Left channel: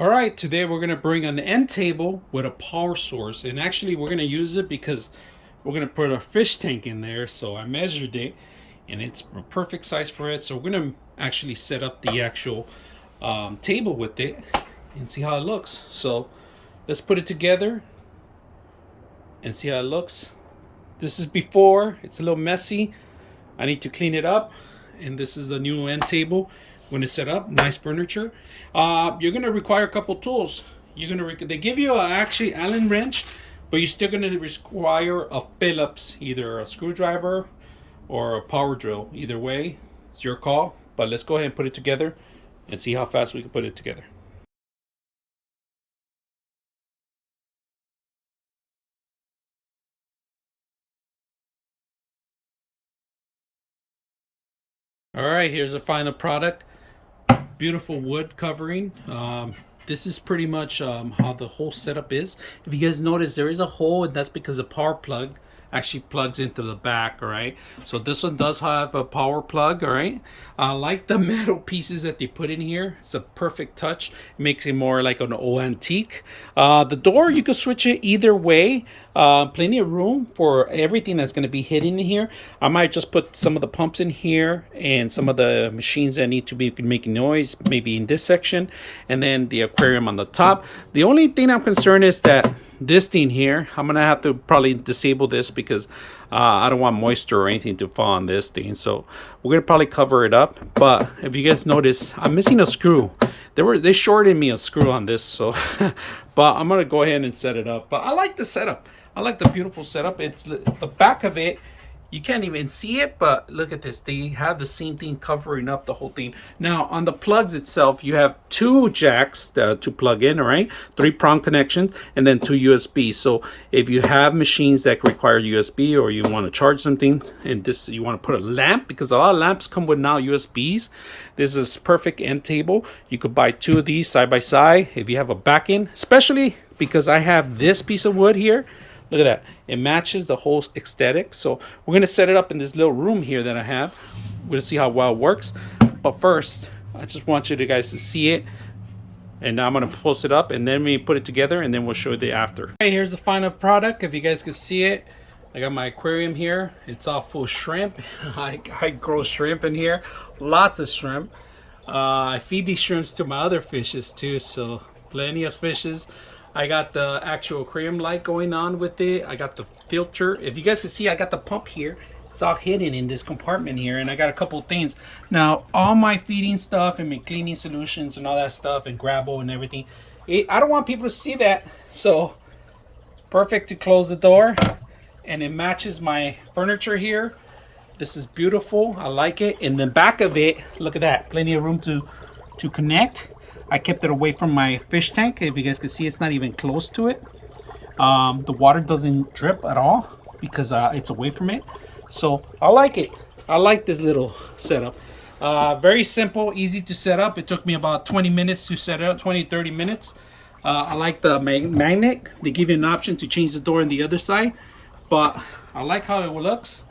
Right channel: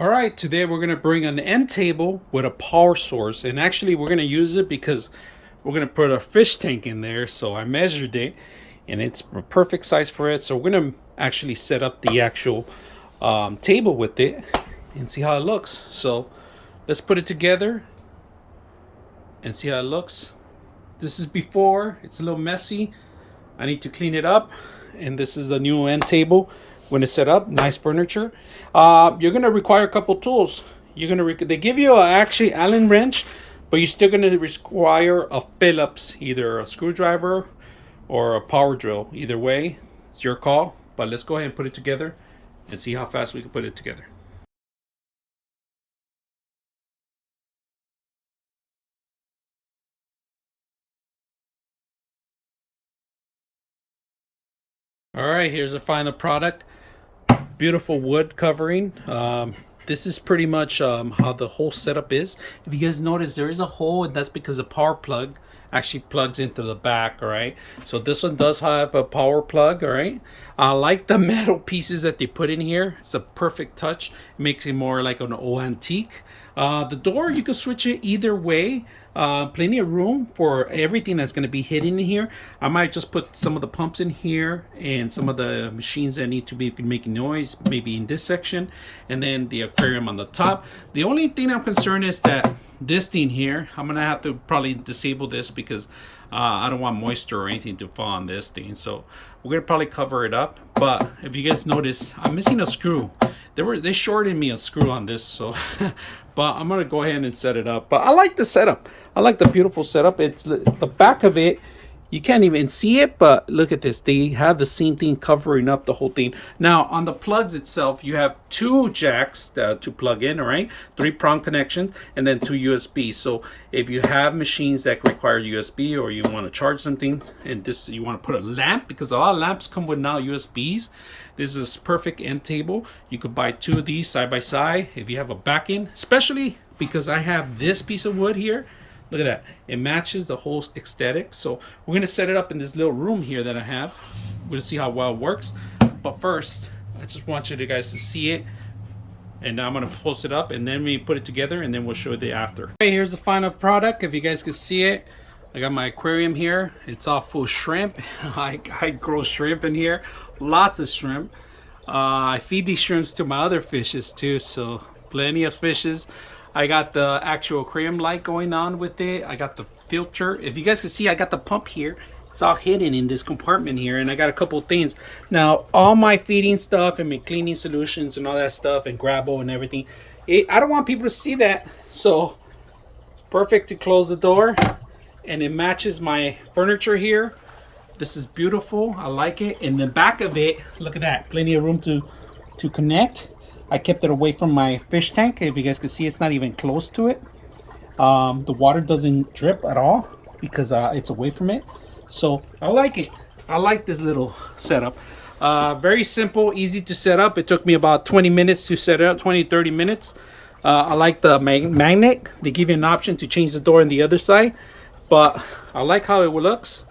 All right, today we're gonna bring an end table with a power source, and actually we're gonna use it because we're gonna put a fish tank in there. So I measured it, and it's a perfect size for it. So we're gonna actually set up the actual table with it and see how it looks. So let's put it together and see how it looks. This is before. It's a little messy. I need to clean it up, and this is the new end table when it's set up. Nice furniture. You're gonna require a couple tools. They give you actually Allen wrench, but you're still gonna require a Phillips, either a screwdriver or a power drill. Either way, it's your call. But let's go ahead and put it together and see how fast we can put it together. All right, here's the final product. Beautiful wood covering. This is pretty much how the whole setup is. If you guys notice, there is a hole, and that's because the power plug actually plugs into the back. All right, so this one does have a power plug. All right, I like the metal pieces that they put in here. It's a perfect touch. It makes it more like an old antique. The door, you can switch it either way. Plenty of room for everything that's going to be hidden in here. I might just put some of the pumps in here and some of the machines that need to be making noise, maybe in this section, and then the aquarium on the top. The only thing I'm concerned is that this thing here, I'm gonna have to probably disable this because I don't want moisture or anything to fall on this thing. So we're gonna probably cover it up. But if you guys notice, I'm missing a screw. They shorted me a screw on this, so but I'm gonna go ahead and set it up. But I like the setup. I like the beautiful setup. It's the back of it. You can't even see it, but look at this. They have the same thing covering up the whole thing. Now, on the plugs itself, you have two jacks to plug in, all right? 3-prong connection, and then 2 USB. So if you have machines that require USB, or you want to charge something, and this you want to put a lamp, because a lot of lamps come with now USBs. This is perfect end table. You could buy 2 of these side by side if you have a back end, especially because I have this piece of wood here. Look at that. It matches the whole aesthetic. So we're going to set it up in this little room here that I have. We're going to see how well it works. But first, I just want you guys to see it. And now I'm going to post it up, and then we put it together, and then we'll show you the after. Okay, here's the final product. If you guys can see it, I got my aquarium here. It's all full shrimp. I grow shrimp in here. Lots of shrimp. I feed these shrimps to my other fishes too. So plenty of fishes. I got the actual aquarium light going on with it. I got the filter. If you guys can see, I got the pump here. It's all hidden in this compartment here, and I got a couple of things. Now, all my feeding stuff and my cleaning solutions and all that stuff and Grabo and everything, I don't want people to see that. So, perfect to close the door, and it matches my furniture here. This is beautiful. I like it. In the back of it, look at that. Plenty of room to connect. I kept it away from my fish tank. If you guys can see, it's not even close to it. The water doesn't drip at all because it's away from it. So I like it. I like this little setup. Very simple, easy to set up. It took me about 20 minutes to set it up, 20-30 minutes. I like the magnet. They give you an option to change the door on the other side. But I like how it looks.